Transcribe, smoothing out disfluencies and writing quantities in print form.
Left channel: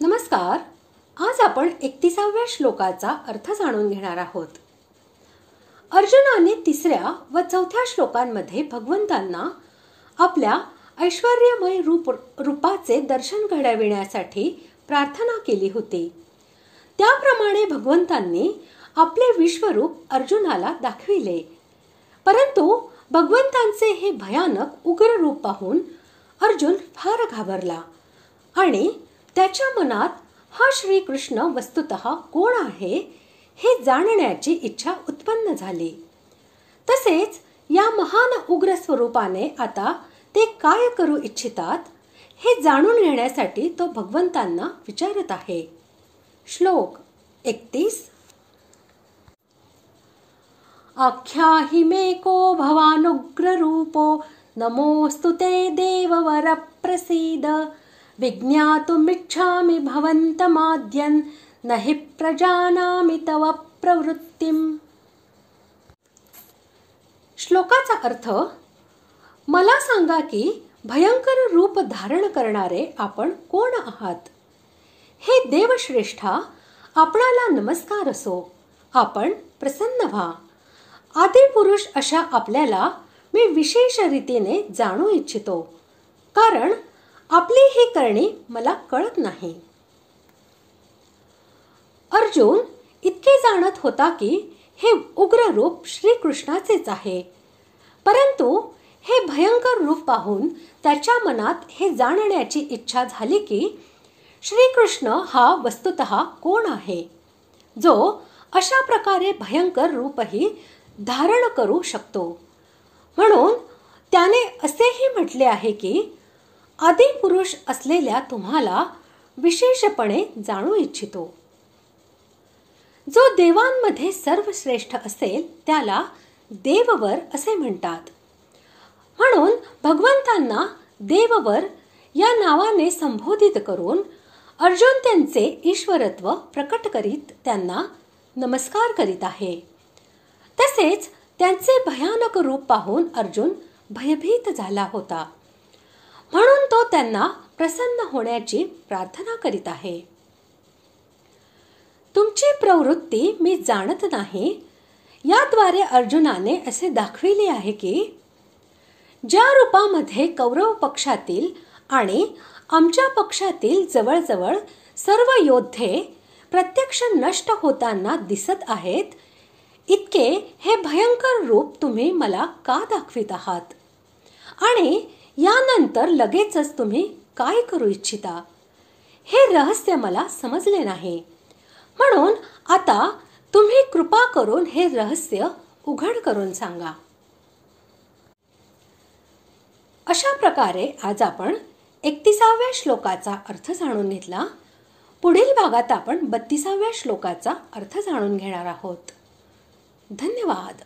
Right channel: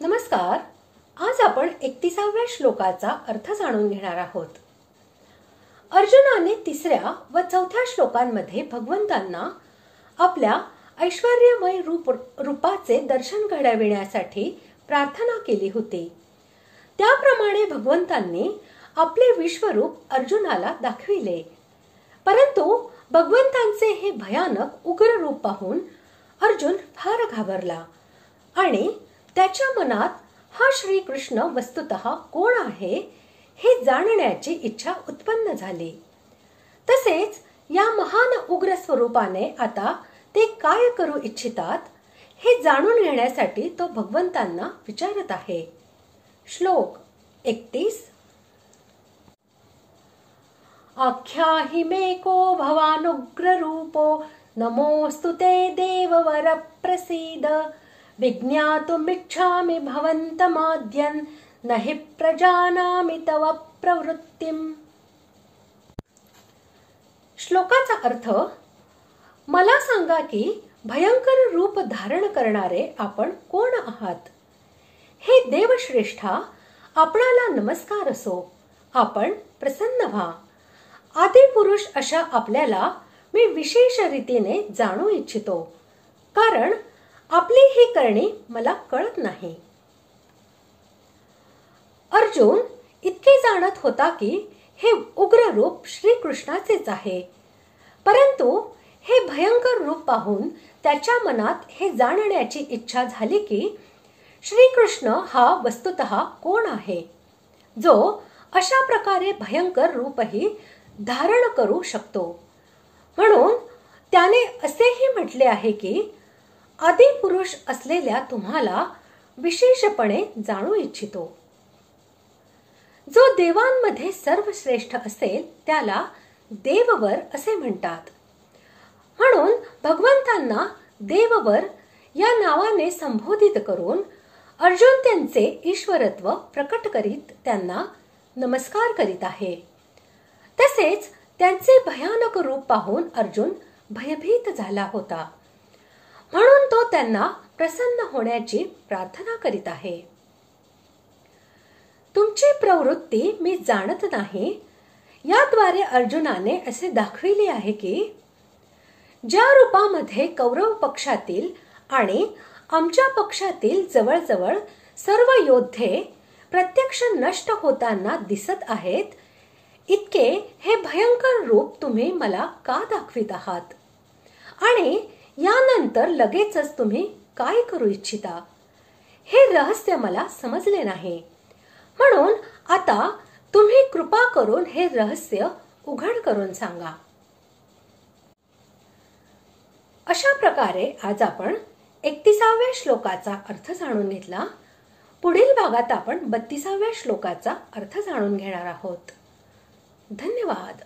नमस्कार. आज आपण 31व्या श्लोकाचा अर्थ जाणून घेणार आहोत. अर्जुनाने 3ऱ्या व 4थ्या श्लोकांमध्ये भगवंतांना आपल्या ऐश्वर्यमय रूपाचे दर्शन घडविण्यासाठी प्रार्थना केली होती. त्याप्रमाणे भगवंतांनी आपले विश्वरूप अर्जुनाला दाखविले. परंतु भगवंतांचे हे भयानक उग्र रूप पाहून अर्जुन फार घाबरला आणि त्याच्या मनात हा श्रीकृष्ण वस्तुतः कोण आहे हे जाणण्याची इच्छा उत्पन्न झाली. तसेच या महान उग्र स्वरूपाने आता ते काय करू इच्छितात हे जाणून घेण्यासाठी तो भगवंतांना विचारत आहे. श्लोक 31. आख्याहि मे को भवानुग्र रूपो नमोस्तु ते देववर प्रसीद विज्ञातुमिच्छामि भवन्तमाद्यन् न हि प्रजानामि तव प्रवृत्तिम्. श्लोकाचा अर्थ, मला सांगा की भयंकर रूप धारण करणारे आपण कोण आहात. हे देवश्रेष्ठा, आपणाला नमस्कार असो. आपण प्रसन्न व्हा. आदिपुरुष अशा आपल्याला मी विशेष रीतीने जाणू इच्छितो, कारण आपली ही करणी मला कळत नाही. अर्जुन इतके जाणत होता की हे उग्र रूप श्रीकृष्णाचेच आहे, परंतु हे भयंकर रूप पाहून त्याच्या मनात हे जाणण्याची इच्छा झाली की श्रीकृष्ण हा वस्तुतः कोण आहे, जो अशा प्रकारे भयंकर रूपही धारण करू शकतो. म्हणून त्याने असेही म्हटले आहे की आदिपुरुष असलेल्या तुम्हाला विशेषपणे जाणू इच्छितो. जो देवांमध्ये सर्वश्रेष्ठ असेल त्याला देववर असे म्हणतात. म्हणून भगवंतांना देववर या नावाने संबोधित करून अर्जुन त्यांचे ईश्वरत्व प्रकट करीत त्यांना नमस्कार करीत आहे. तसेच त्यांचे भयानक रूप पाहून अर्जुन भयभीत झाला होता, म्हणून तो त्यांना प्रसन्न होण्याची प्रार्थना करीत आहे. तुमची प्रवृत्ती मी जाणत नाही. याद्वारे अर्जुनाने असे दाखविले आहे की ज्या रूपामध्ये कौरव पक्षातील आणि आमच्या पक्षातील जवळजवळ सर्व योद्धे प्रत्यक्ष नष्ट होताना दिसत आहेत, इतके हे भयंकर रूप तुम्ही मला का दाखवित आहात आणि यानंतर लगेचच तुम्ही काय करू इच्छिता हे रहस्य मला समजले नाही. म्हणून आता तुम्ही कृपा करून हे रहस्य उघड करून सांगा. अशा प्रकारे आज आपण 31व्या श्लोकाचा अर्थ जाणून घेतला. पुढील भागात आपण 32व्या श्लोकाचा अर्थ जाणून घेणार आहोत. धन्यवाद.